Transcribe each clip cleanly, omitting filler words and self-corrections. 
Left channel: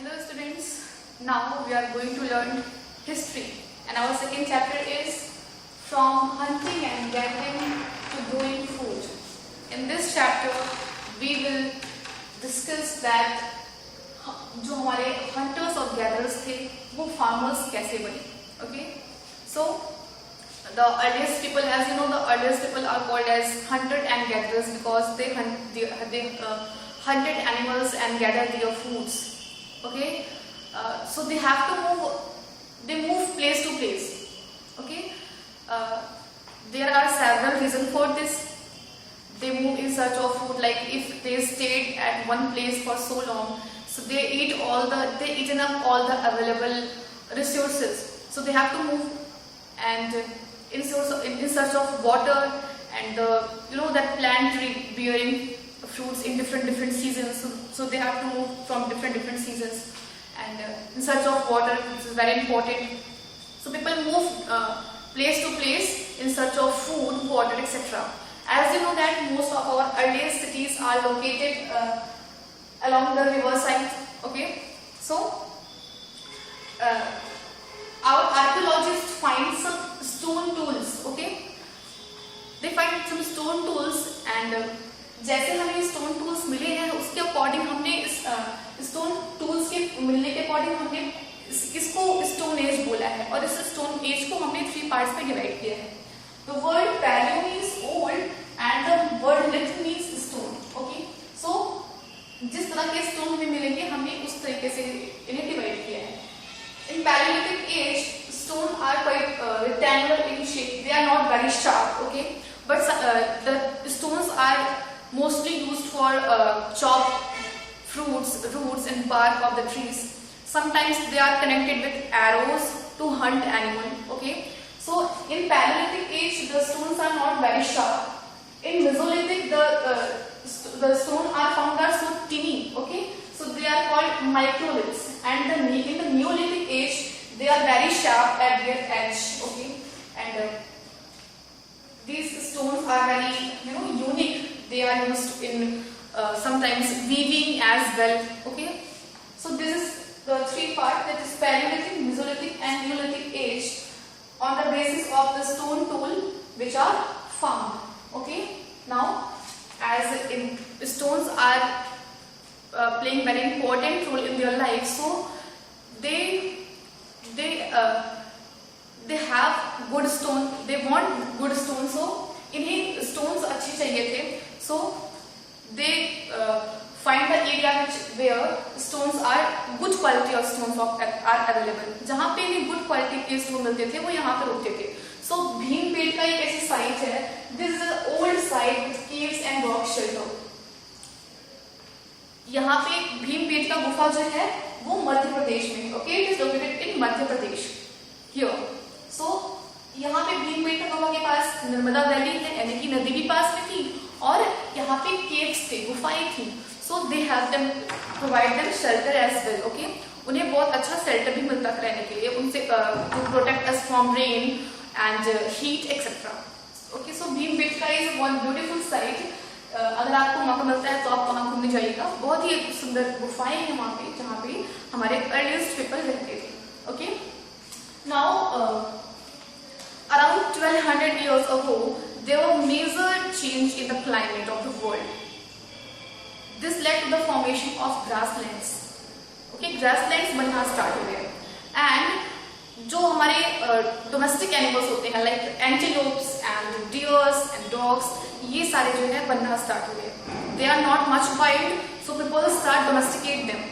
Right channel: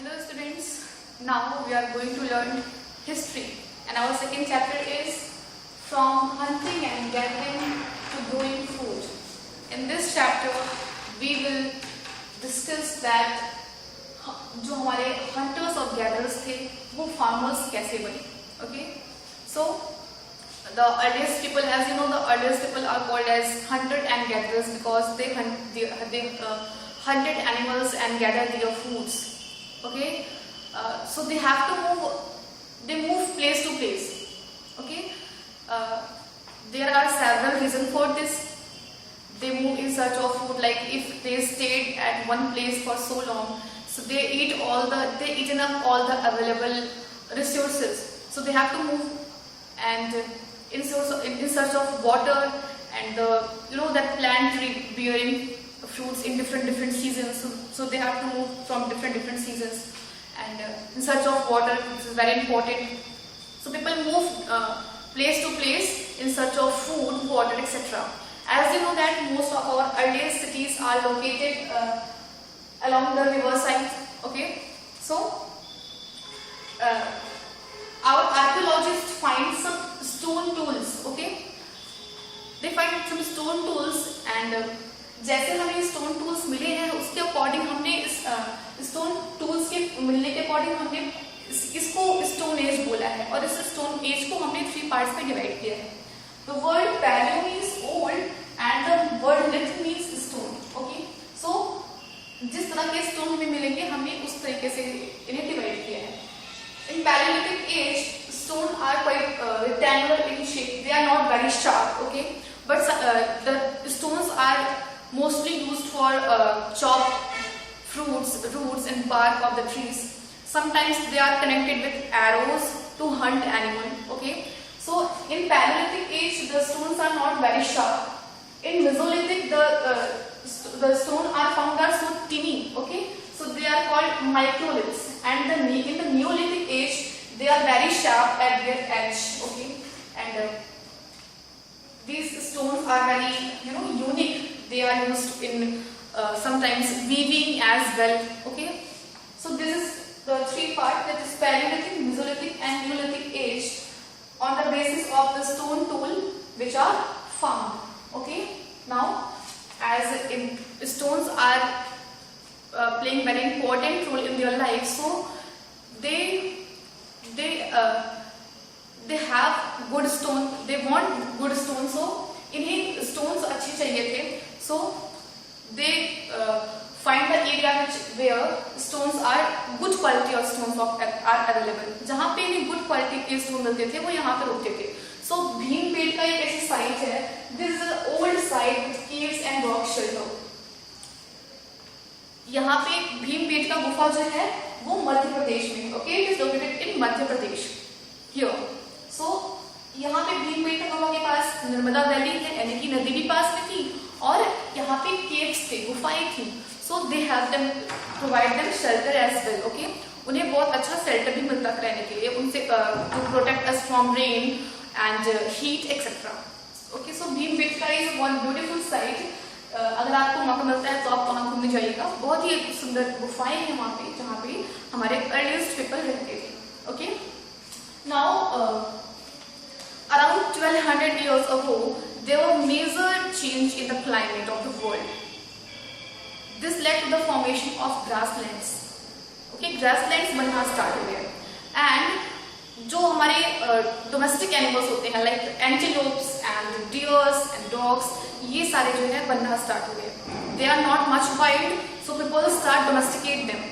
Hello students, now we are going to learn history and our second chapter is from hunting and gathering to growing food. In this chapter we will discuss that जो हमारे hunters और gatherers थे वो farmers कैसे बने. Okay, so the earliest people, as you know, the earliest people are called as hunters and gatherers because they hunted animals and gathered their foods. Okay, so they have to move. They move place to place. Okay, there are several reasons for this. They move in search of food. Like if they stayed at one place for so long, so they eaten up all the available resources. So they have to move and in search of water and that plant tree bearing fruits in different seasons. So they have to move from different seasons and in search of water, which is very important. So people move place to place in search of food, water, etc. As you know that most of our earliest cities are located along the riverside. Okay, so our archaeologists find some stone tools. Okay, they find some stone tools and जैसे हमें stone tools मिले हैं उसके according हमने stone tools के मिलने के according हमने इसको स्टोन एज बोला है और इस स्टोन एज को हमने 3 पार्ट्स में डिवाइड किया है. The word paleo means old and the word lithic means stone. Okay, so जिस तरह के स्टोन हमें मिलेंगे हमने उस तरीके से इन्हें डिवाइड किया है. In Paleolithic age, stones are quite rectangular in shape. They are not very sharp. Okay, but the stones are mostly used for chop fruits, roots and bark of the trees. Sometimes they are connected with arrows to hunt animal. Okay, so in Paleolithic age the stones are not very sharp. In Mesolithic the stones are found are so tiny. Okay, so they are called microliths, and in the Neolithic age they are very sharp at their edge. Okay, and these stones are very unique. They are used in sometimes weaving as well. Okay, so this is the 3 parts, that is Paleolithic, Mesolithic and Neolithic age, on the basis of the stone tool which are found. Okay, now as in stones are playing very important role in their life, so they have good stone, they want good stone, so इन्हें stones अच्छी चाहिए थे. So they find the area where stones are good quality of stones are available. जहाँ पे इन्हें good quality के stone मिलते थे वो यहाँ पे रुकते थे. So भीमबेटका एक ऐसी site है. This is an old site with caves and rock shelter. यहाँ पे भीमबेटका गुफा जो है वो मध्य प्रदेश में. Okay, it is located in Madhya Pradesh. Here. So यहाँ पे भीमबेटका गुफा के पास नर्मदा वैली है, यानी कि नदी भी पास में थी और यहाँ पे केव्स थे, गुफाएं थी. So they have them provide them shelter as well. Okay, उन्हें बहुत अच्छा शेल्टर भी मिलता था रहने के लिए, उनसे to protect us from rain and heat etcetera. Okay, so Bhimbetka is one beautiful site. अगर आपको मौका मिलता है तो आप वहाँ घूमने जाइएगा. बहुत ही सुंदर गुफाएं हैं वहाँ पे जहाँ पे हमारे अर्लीस्ट पीपल रहते थे. Okay, now around 1200 years ago there were major change in the climate of the world. This led to the formation of grasslands. Okay, grasslands बनना start हुए and जो हमारे domestic animals होते हैं like antelopes and deers and dogs, ये सारे जो है बनना start हुए. They are not much wild, so people start domesticate them.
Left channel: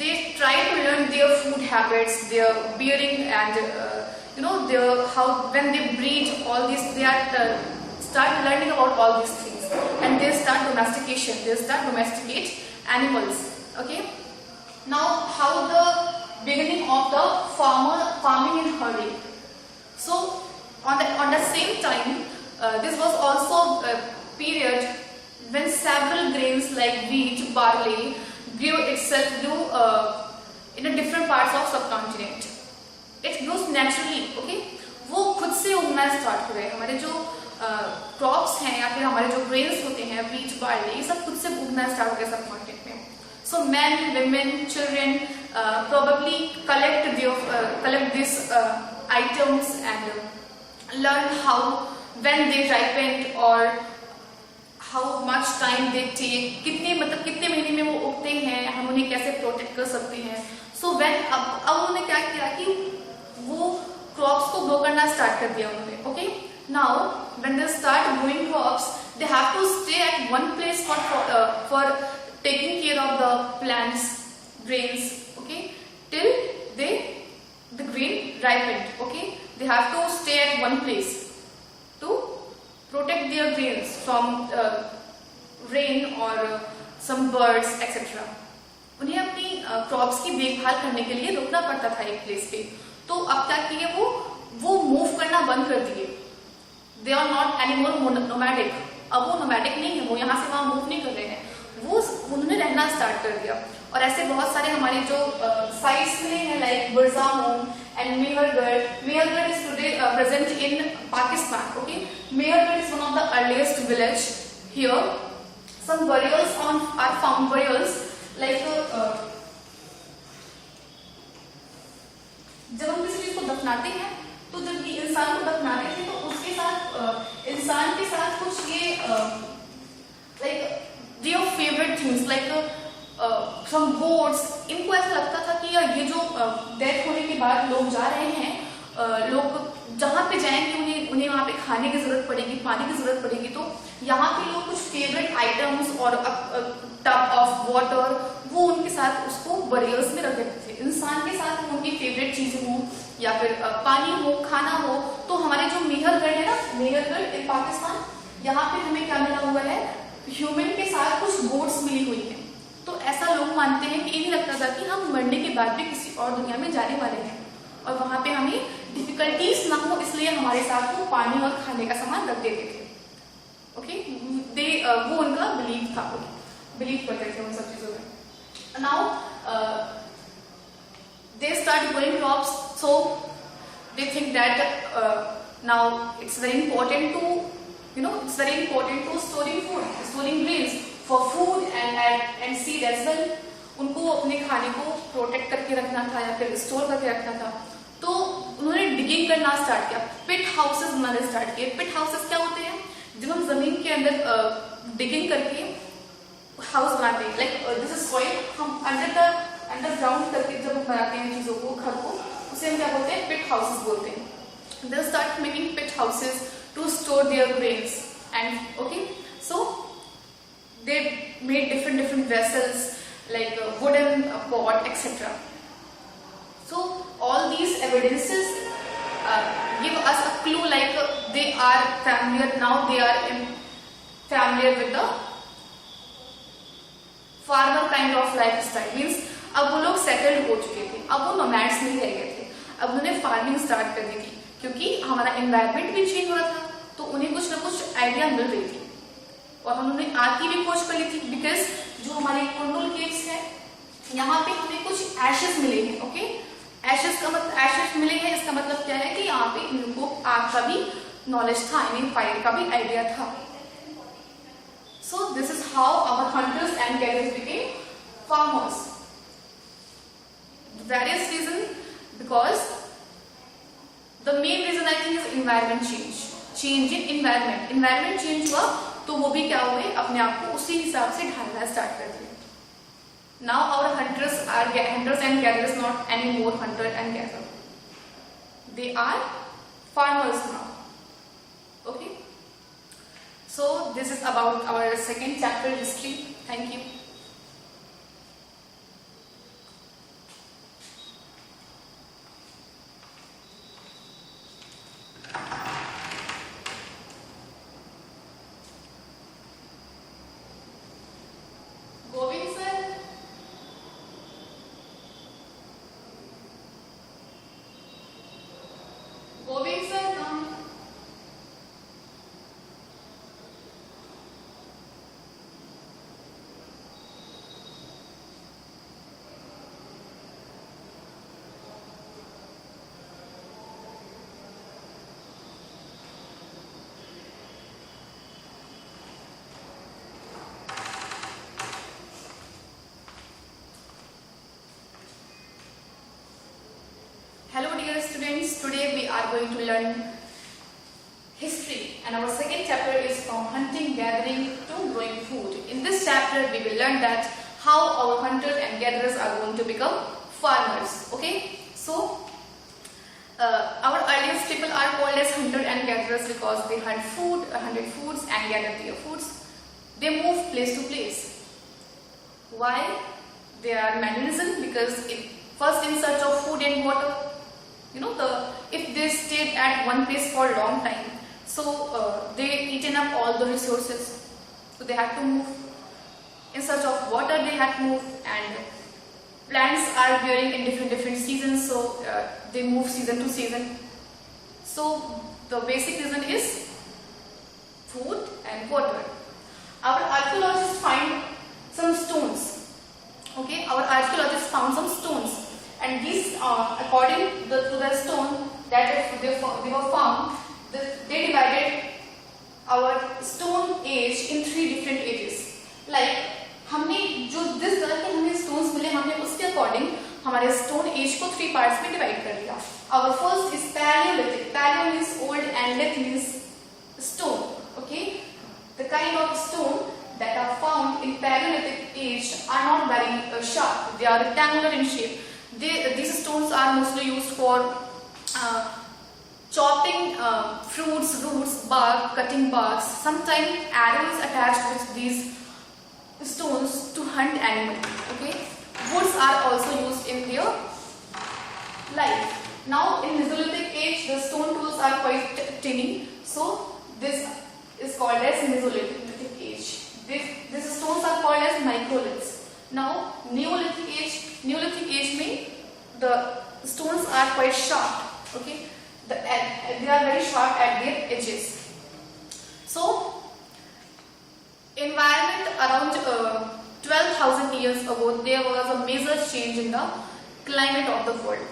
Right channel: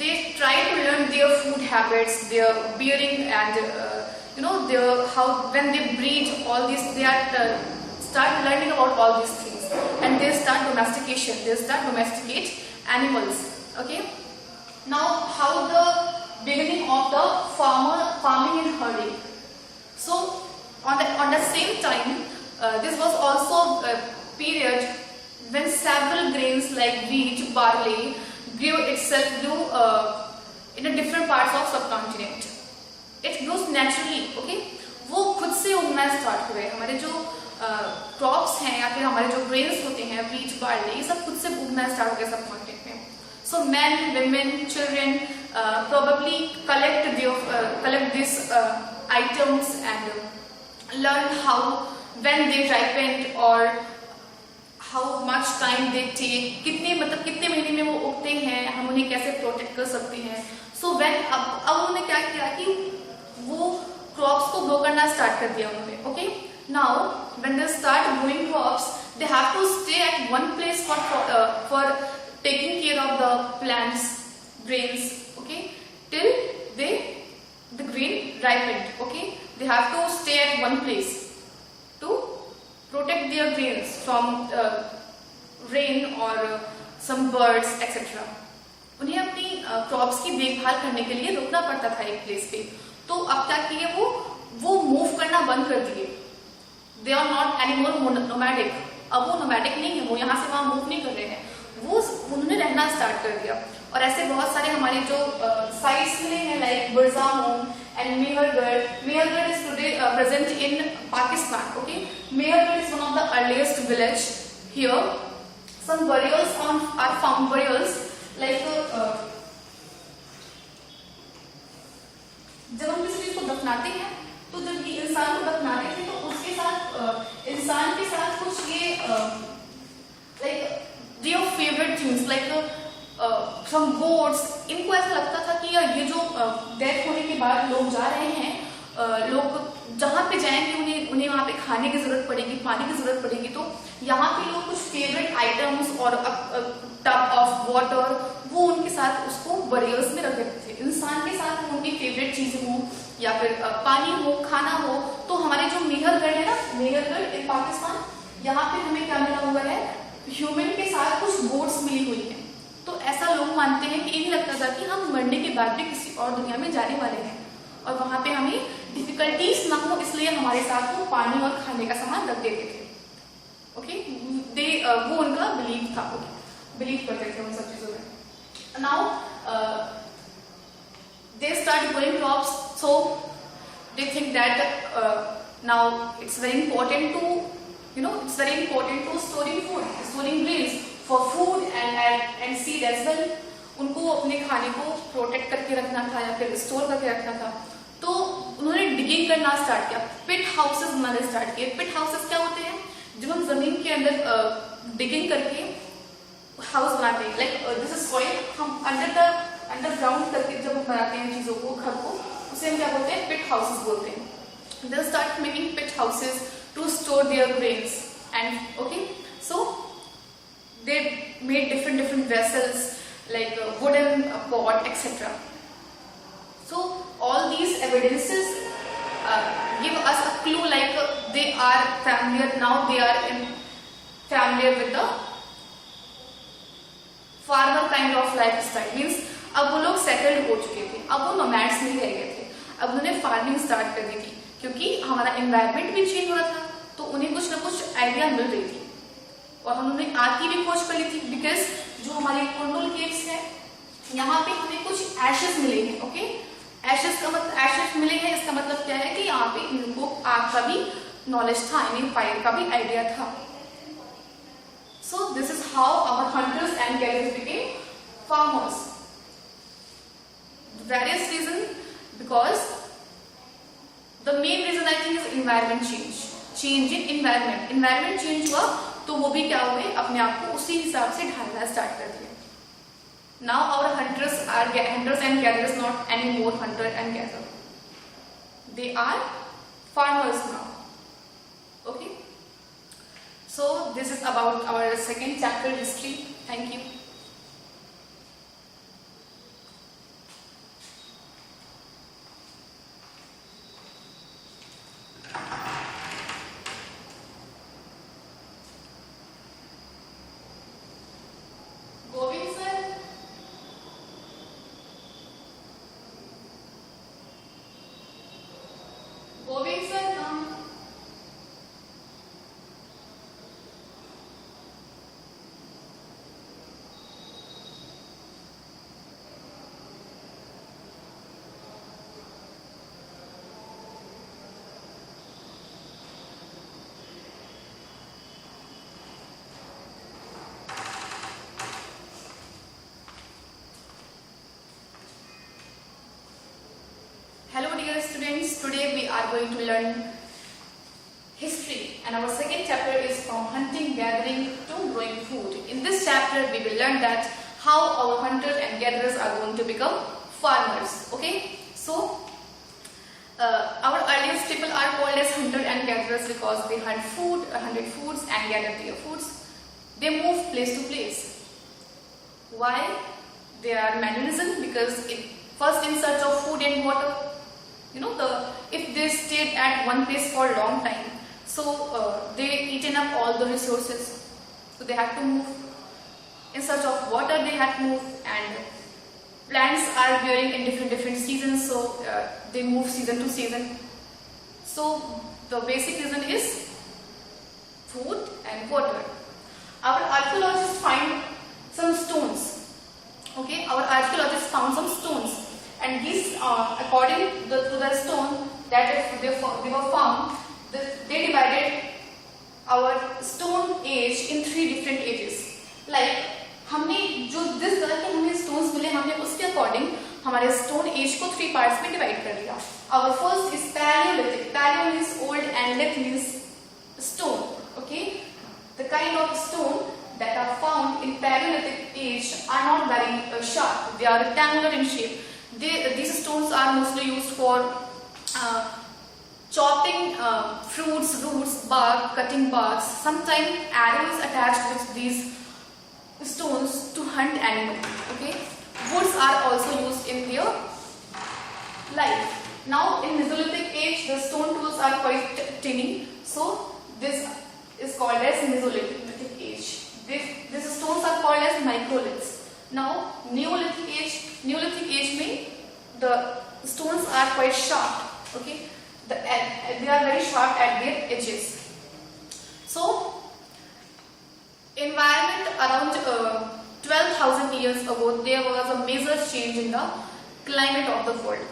They try to learn their food habits, their bearing, and when they breed, all these they are start learning about all these things, and they start domestication. They start domesticate animals. Okay. Now, how the beginning of the farming and herding. So on the same time, this was also a period when several grains like wheat, barley grew in a different parts of subcontinent. It grows naturally. Okay, वो खुद से उगना start हुए. हमारे जो crops हैं या फिर हमारे जो ग्रेन्स होते हैं, व्हीट, बार्ली, ये सब खुद से उगना स्टार्ट हो गया सबकॉन्टिनेंट में. So men, women, children probably collect these items and learn how, when they ripen or how much time they take, कितने महीने में वो उगते हैं, हम उन्हें कैसे प्रोटेक्ट कर सकते हैं. So when अब उन्होंने क्या किया कि वो क्रॉप्स को ग्रो करना स्टार्ट कर दिया उन्होंने. Okay, now when they start growing crops, they have to stay at one place for taking care of the plants, grains. Okay, till the grain ripened. Okay, they have to stay at one place to protect their grains from rain or some birds etc. उन्हें अपनी crops की देखभाल करने के लिए रुकना पड़ता था एक प्लेस पे. तो अब क्या किए वो मूव करना बंद कर दिए. They are not anymore nomadic. अब वो नोमैडिक नहीं है, वो यहाँ से वहाँ मूव नहीं कर रहे हैं, वो उन्होंने रहना स्टार्ट कर दिया. और ऐसे बहुत सारे हमारे जो साइट्स मिले हैं like बुरज़ामुन and Mehergarh. Mehergarh is today present in Pakistan. Okay, Mehergarh is one of the earliest village here. Some burials are found, burials like जब हम किसी चीज को दफनाते हैं तो जब ये इंसान को दफनाते थे तो उसके साथ इंसान के साथ कुछ ये like their favorite things like some goats. इनको ऐसा लगता था कि ये जो डेथ होने के बाद लोग जा रहे हैं, लोग जहाँ पे जाएंगे उन्हें वहाँ पे खाने की जरूरत पड़ेगी, पानी की जरूरत पड़ेगी. तो यहाँ पे लोग कुछ फेवरेट आइटम्स और टब ऑफ वाटर वो उनके साथ उसको बरियर्स में रख देते थे. इंसान के साथ उनकी फेवरेट चीजें हो या फिर पानी हो, खाना हो. तो हमारे जो मेहरगढ़ है ना, मेहरगढ़ इन पाकिस्तान, यहाँ पे हमें क्या मिला हुआ है, ह्यूमन के साथ कुछ गोट्स मिली हुई है. तो ऐसा लोग मानते हैं कि ये नहीं लगता था कि हम मरने के बाद भी किसी और दुनिया में जाने वाले हैं और वहां पे हमें डिफिकल्टीज ना हो, इसलिए हमारे साथ वो पानी और खाने का सामान रख देते थे. ओके, वो उनका बिलीव था, बिलीव करते थे उन सब चीजों में. Now they start growing crops, so they think that now it's very important to storing food, storing grains for food and seed as well. उनको अपने खाने को प्रोटेक्ट करके रखना था या फिर स्टोर करके रखना था. तो उन्होंने डिगिंग करना स्टार्ट किया, पिट हाउसेस बनाने स्टार्ट किए. पिट हाउसेस क्या होते हैं, जब हम जमीन के अंदर डिगिंग करके हाउस बनाते हैं, लाइक दिस इज सॉइल, हम अंडरग्राउंड करके जब हम बनाते हैं चीजों को, घर को, उसे हम क्या बोलते हैं, पिट हाउसेस बोलते हैं. They start making pit houses to store their grains and okay, so they made different vessels like wooden pot etc. So all these evidences give us a clue like they are familiar, now they are familiar with the farmer kind of lifestyle. Means अब वो लोग settled हो चुके थे, अब वो nomads नहीं रह गए थे, अब उन्होंने फार्मिंग स्टार्ट कर दी थी क्योंकि हमारा एनवायरनमेंट भी चेंज हो रहा था. तो उन्हें कुछ ना कुछ आइडिया मिल रही थी और उन्होंने आग की भी खोज कर ली थी. बिकॉज जो हमारे कुंडल केव्स है यहाँ पे हमें कुछ एशेस मिले हैं. ओके, एशेस का मतलब, एशेस मिले हैं इसका मतलब क्या है कि यहाँ पे इनको आग का भी नॉलेज था, आई मीन फायर का भी आइडिया था. So this is how our hunters and gatherers became farmers. Various reason, because the main reason I think is environment change in environment change हुआ तो वो भी क्या हुए, अपने आप को उसी हिसाब से ढालना स्टार्ट कर दिया. Now our hunters and gatherers not anymore hunter and gatherer, they are farmers now. Okay, so this is about our second chapter, history. Thank you. dear students, today we are going to learn history, and our second chapter is from hunting, gathering to growing food. In this chapter we will learn that how our hunters and gatherers are going to become farmers. Okay, so our earliest people are called as hunters and gatherers because they hunted foods and gathered their foods. They moved place to place. Why? They are mannerism because first in search of food and water. If they stayed at one place for a long time, so they eaten up all the resources. So they had to move. In search of water, they had to move, and plants are bearing in different seasons, so they move season to season. So the basic reason is food and water. Our archaeologists find some stones. Okay, our archaeologists found some stones, and these, according to the stone that they were found, they divided our stone age in 3 different ages. Like हमने जो जिस तरह के हमें stones मिले, हमने उसके according हमारे stone age को 3 parts में divide कर दिया. Our first is Paleolithic. Paleo means old and lithic means stone. Okay, the kind of stone that are found in Paleolithic age are not very sharp. They are rectangular in shape. These stones are mostly used for chopping fruits, roots, bark, cutting barks. Sometimes arrows attached with these stones to hunt animals. Okay, woods are also used in their life. Now in Mesolithic age, the stone tools are quite tiny, so this is called as Mesolithic age. These stones are called as microliths. Now Neolithic age means the stones are quite sharp. Okay, they are very sharp at their edges. So environment around 12,000 years ago, there was a major change in the climate of the world.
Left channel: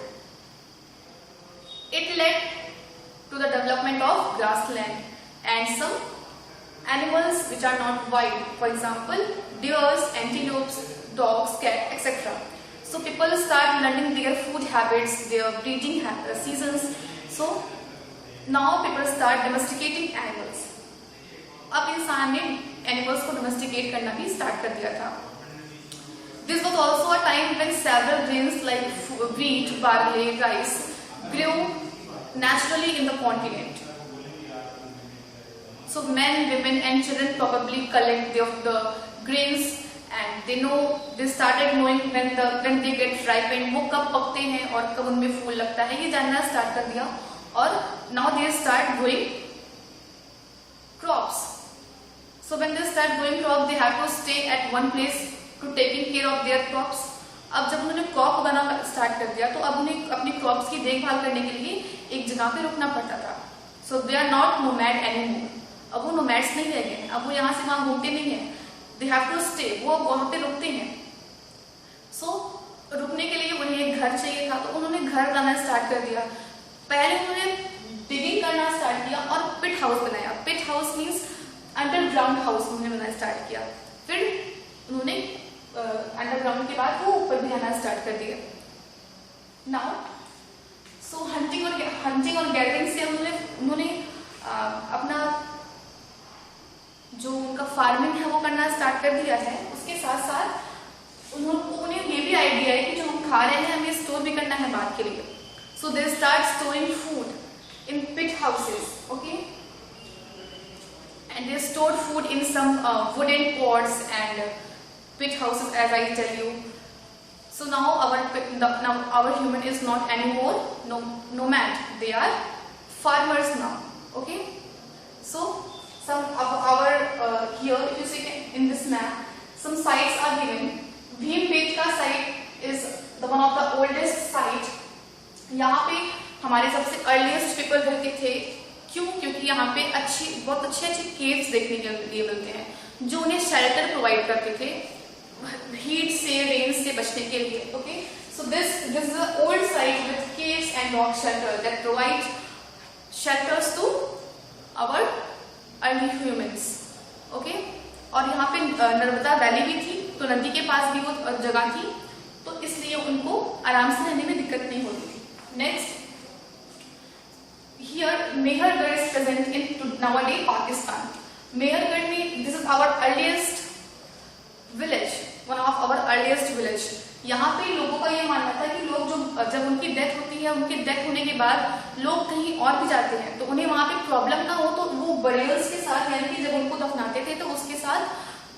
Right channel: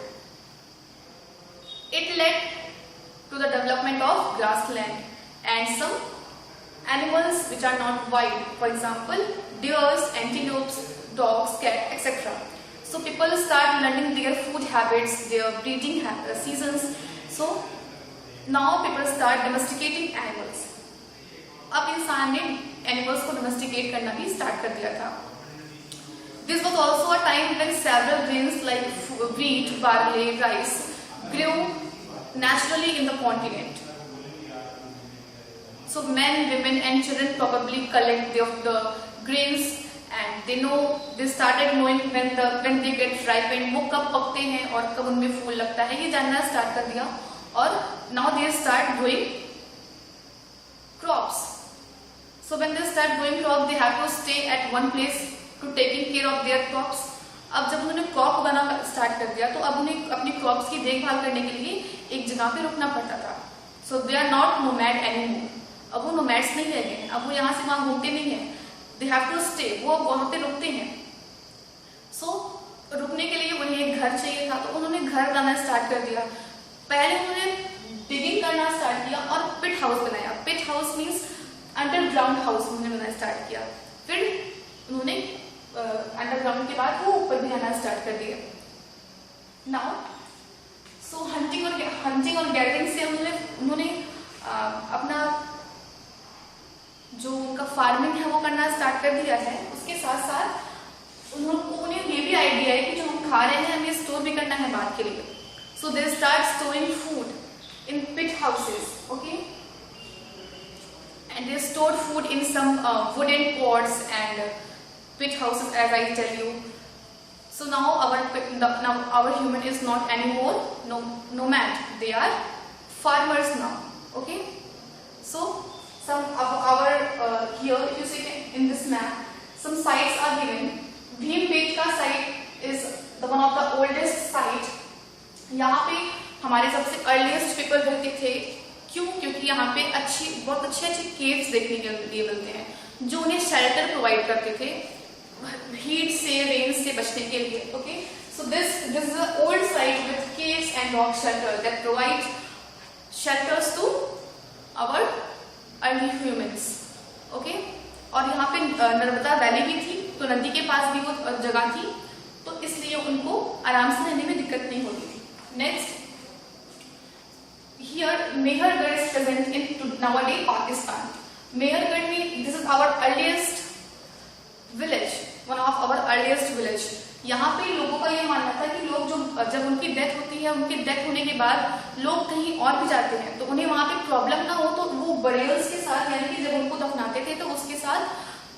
It led to the development of grassland and some animals which are not wild. For example, deers, antelopes, dogs, cat, etc. So people start learning their food habits, their breeding seasons. So now people start domesticating animals. अब इंसान ने animals को domesticate करना भी start कर दिया था. This was also a time when several grains like wheat, barley, rice grew naturally in the continent. So men, women and children probably collect the grains, and they started knowing when they get ripened, वो कब पकते हैं और कब उनमें फूल लगता है, ये जानना start कर दिया. और now they start growing crops. So when they start growing crops, they have to stay at one place to taking care of their crops. अब जब उन्होंने क्रॉप उगाना स्टार्ट कर दिया, तो अब उन्हें अपनी क्रॉप्स की देखभाल करने के लिए एक जगह पे रुकना पड़ता था. So they are not nomad anymore. अब वो नोमैड्स नहीं रह गए. अब वो यहाँ से वहाँ घूमते नहीं हैं. They have to stay. वो वहाँ पे रुकते हैं. सो रुकने के लिए उन्हें एक घर चाहिए था, तो उन्होंने घर बनाना स्टार्ट कर दिया. पहले उन्होंने डिगिंग करना स्टार्ट किया और पिट हाउस बनाया. पिट हाउस मीन्स अंडरग्राउंड हाउस उन्होंने बनाना स्टार्ट किया. फिर उन्होंने अंडरग्राउंड के बाद वो ऊपर भी आना स्टार्ट कर दिया. नाउ सो हंटिंग और गैदरिंग से उन्होंने अपना जो उनका फार्मिंग है वो करना स्टार्ट कर दिया है. उसके साथ साथ उन्हें ये भी आइडिया है कि जो हम खा रहे हैं हमें स्टोर भी करना है बाद के लिए. So they start storing food in pit houses. Okay, and they stored food in some wooden pots and pit houses, as I tell you. So now our human is not anymore nomad. They are farmers now. Okay, so some of our here, if you see in this map, some sites are given. Bhimbetka site is the one of the oldest site. यहाँ पे हमारे सबसे earliest people रहते थे. क्यों? क्योंकि यहाँ पे बहुत अच्छे केव्स देखने के लिए मिलते हैं जो उन्हें शेल्टर प्रोवाइड करते थे हीट से, रेन से बचने के लिए. Okay, so this is the old site with caves and rock shelter that provide shelters to our early humans. Okay, और यहाँ पे नर्मदा वैली भी थी, तो नदी के पास भी वो जगह थी, तो इसलिए उनको आराम से रहने में दिक्कत नहीं होती थी. Next here Mehergarh is present in nowadays Pakistan. Mehergarh में this is our earliest village, one of our earliest village. यहाँ पे लोगों का ये मानना था कि लोग जो जब उनकी डेथ होती है, उनकी डेथ होने के बाद लोग कहीं और भी जाते हैं तो उन्हें वहाँ पे प्रॉब्लम ना हो, तो वो बरियल्स के साथ यानी कि जब उनको दफनाते थे तो उसके साथ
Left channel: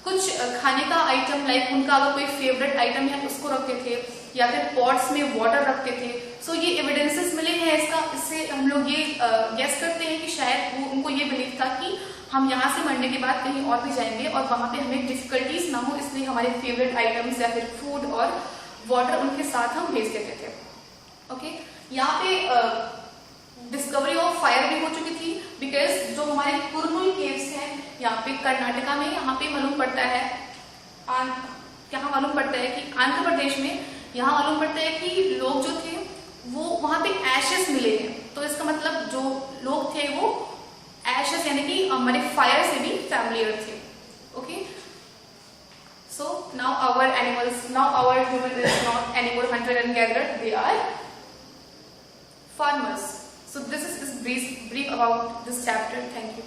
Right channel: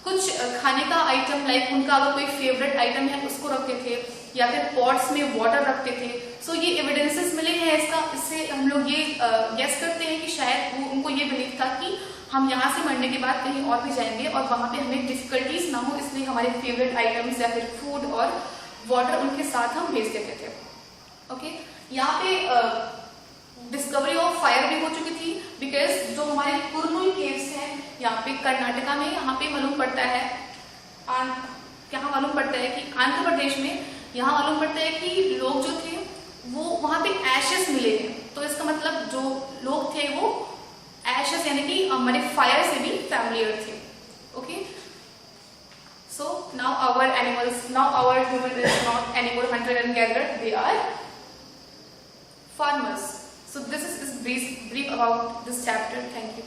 कुछ खाने का आइटम, लाइक उनका अगर कोई फेवरेट आइटम है उसको रखते थे या फिर पॉट्स में वाटर रखते थे. सो ये एविडेंसेस मिले हैं इसका. इससे हम लोग ये गेस करते हैं कि शायद उनको ये बिलीव था कि हम यहाँ से मरने के बाद कहीं और भी जाएंगे और वहाँ पे हमें डिफिकल्टीज ना हो, इसलिए हमारे फेवरेट आइटम्स या फिर फूड और वाटर उनके साथ हम भेज देते थे. ओके, यहाँ पे डिस्कवरी ऑफ फायर भी हो चुकी थी, बिकॉज जो हमारे कुरनूल केव्स हैं यहाँ पे कर्नाटका में, यहाँ पे मालूम पड़ता है यहाँ मालूम पड़ता है कि आंध्र प्रदेश में यहाँ मालूम पड़ता है कि लोग जो थे वो वहाँ पे एशेस मिले हैं. तो इसका मतलब जो लोग थे वो एशेस यानी कि हमारे फायर से भी फैमिलियर थे. Okay, so now our human is not anymore hunter and gatherer, they are farmers. So this is brief about this chapter. Thank you.